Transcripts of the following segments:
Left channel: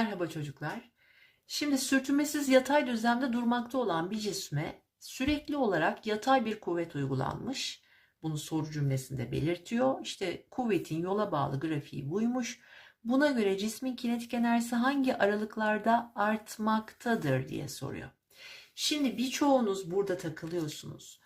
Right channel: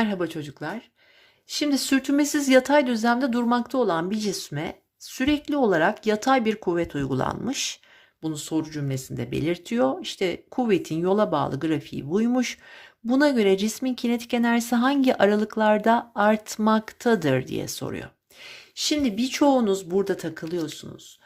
Merhaba çocuklar. Şimdi sürtünmesiz yatay düzlemde durmakta olan bir cisme sürekli olarak yatay bir kuvvet uygulanmış. Bunu soru cümlesinde belirtiyor. İşte kuvvetin yola bağlı grafiği buymuş. Buna göre cismin kinetik enerjisi hangi aralıklarda artmaktadır diye soruyor. Şimdi birçoğunuz burada takılıyorsunuz.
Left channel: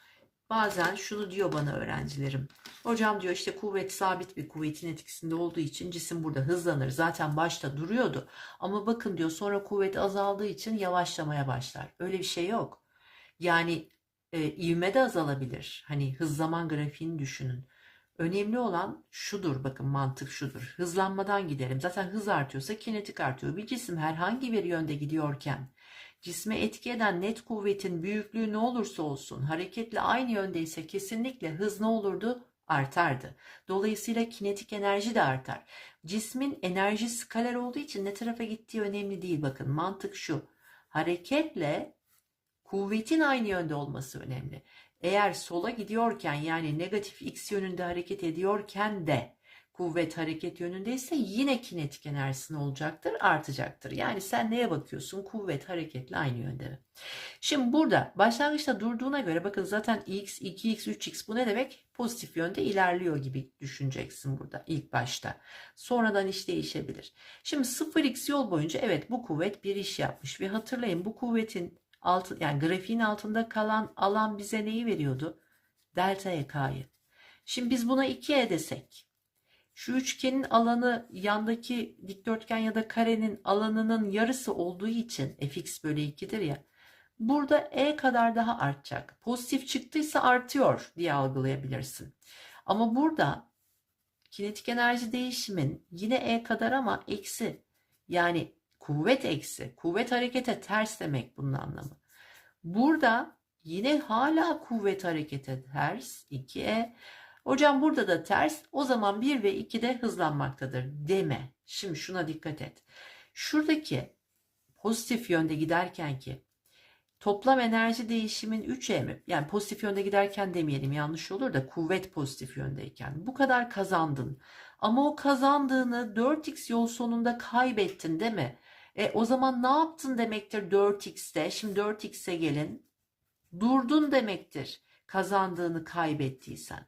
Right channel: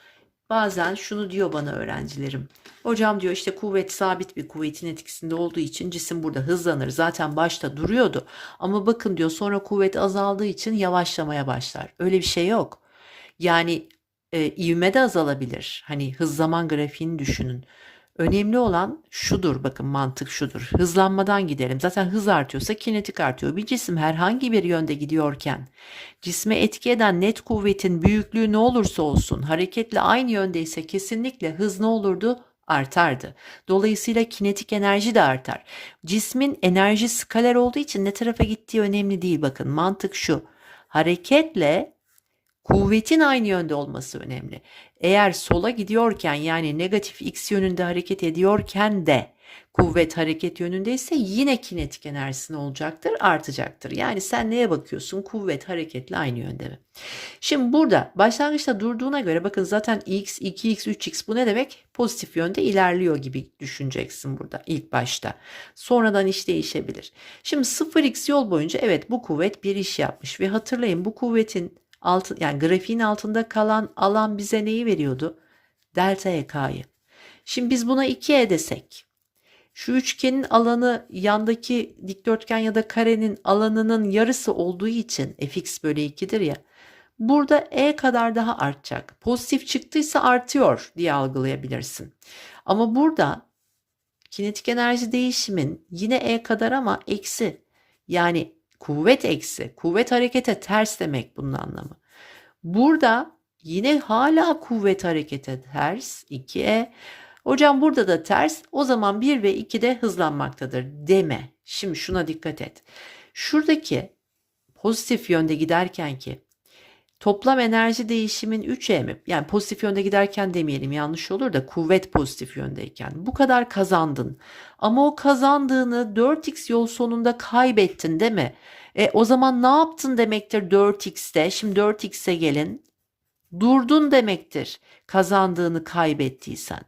Bazen şunu diyor bana öğrencilerim. Hocam diyor işte kuvvet sabit bir kuvvetin etkisinde olduğu için cisim burada hızlanır. Zaten başta duruyordu. Ama bakın diyor sonra kuvvet azaldığı için yavaşlamaya başlar. Öyle bir şey yok. Yani e, ivme de azalabilir. Hani hız zaman grafiğini düşünün. Önemli olan şudur bakın mantık şudur. Hızlanmadan gidelim. Zaten hız artıyorsa kinetik artıyor. Bir cisim herhangi bir yönde gidiyorken cisme etki eden net kuvvetin büyüklüğü ne olursa olsun hareketle aynı yöndeyse kesinlikle hız ne olurdu? Artardı. Dolayısıyla kinetik enerji de artar. Cismin enerji skaler olduğu için ne tarafa gittiği önemli değil. Bakın mantık şu. Hareketle kuvvetin aynı yönde olması önemli. Eğer sola gidiyorken yani negatif x yönünde hareket ediyorken de kuvvet hareket yönündeyse yine kinetik enerjisi ne olacaktır? Artacaktır. Yani sen neye bakıyorsun? Kuvvet hareketle aynı yönde mi? Şimdi burada başlangıçta durduğuna göre bakın zaten x, 2x, 3x bu ne demek? Pozitif yönde ilerliyor gibi düşüneceksin burada ilk başta. Sonradan iş değişebilir. Şimdi 0x yol boyunca evet bu kuvvet bir iş yapmış ve hatırlayın bu kuvvetin altı, yani grafiğin altında kalan alan bize neyi veriyordu? Delta EK'yı. Şimdi biz buna 2E desek. Şu üçgenin alanı yandaki dikdörtgen ya da karenin alanının yarısı olduğu için fx bölü 2'dir ya. Burada e kadar daha artacak. Pozitif çıktıysa artıyor diye algılayabilirsin. Ama burada kinetik enerji değişimin yine e kadar ama eksi. Yani kuvvet eksi. Kuvvet harekete ters demek bunun anlamı. Burada yine hala kuvvet harekete ters 2e. Hocam burada da ters. O zaman 1 ve 2 de hızlanmaktadır deme. Şimdi şuna dikkat et. Şuradaki pozitif yönde giderken ki toplam enerji değişimin 3e mi? Yani pozitif yönde giderken demeyelim yanlış olur da kuvvet pozitif yöndeyken. Bu kadar kazandın. Ama o kazandığını 4x yol sonunda kaybettin değil mi? E, o zaman ne yaptın demektir 4x'te? Şimdi 4x'e gelin. Durdun demektir kazandığını kaybettiysen.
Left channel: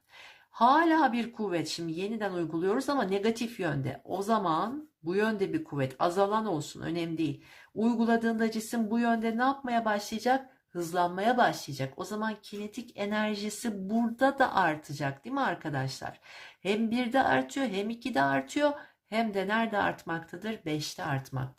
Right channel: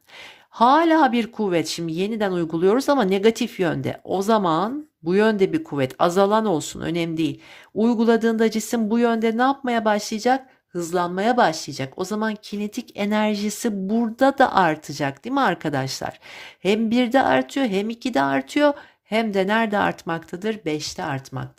Hala bir kuvvet şimdi yeniden uyguluyoruz ama negatif yönde. O zaman bu yönde bir kuvvet azalan olsun önemli değil. Uyguladığında cisim bu yönde ne yapmaya başlayacak? Hızlanmaya başlayacak. O zaman kinetik enerjisi burada da artacak değil mi arkadaşlar? Hem 1'de artıyor hem 2'de artıyor hem de nerede artmaktadır? 5'te artmaktadır.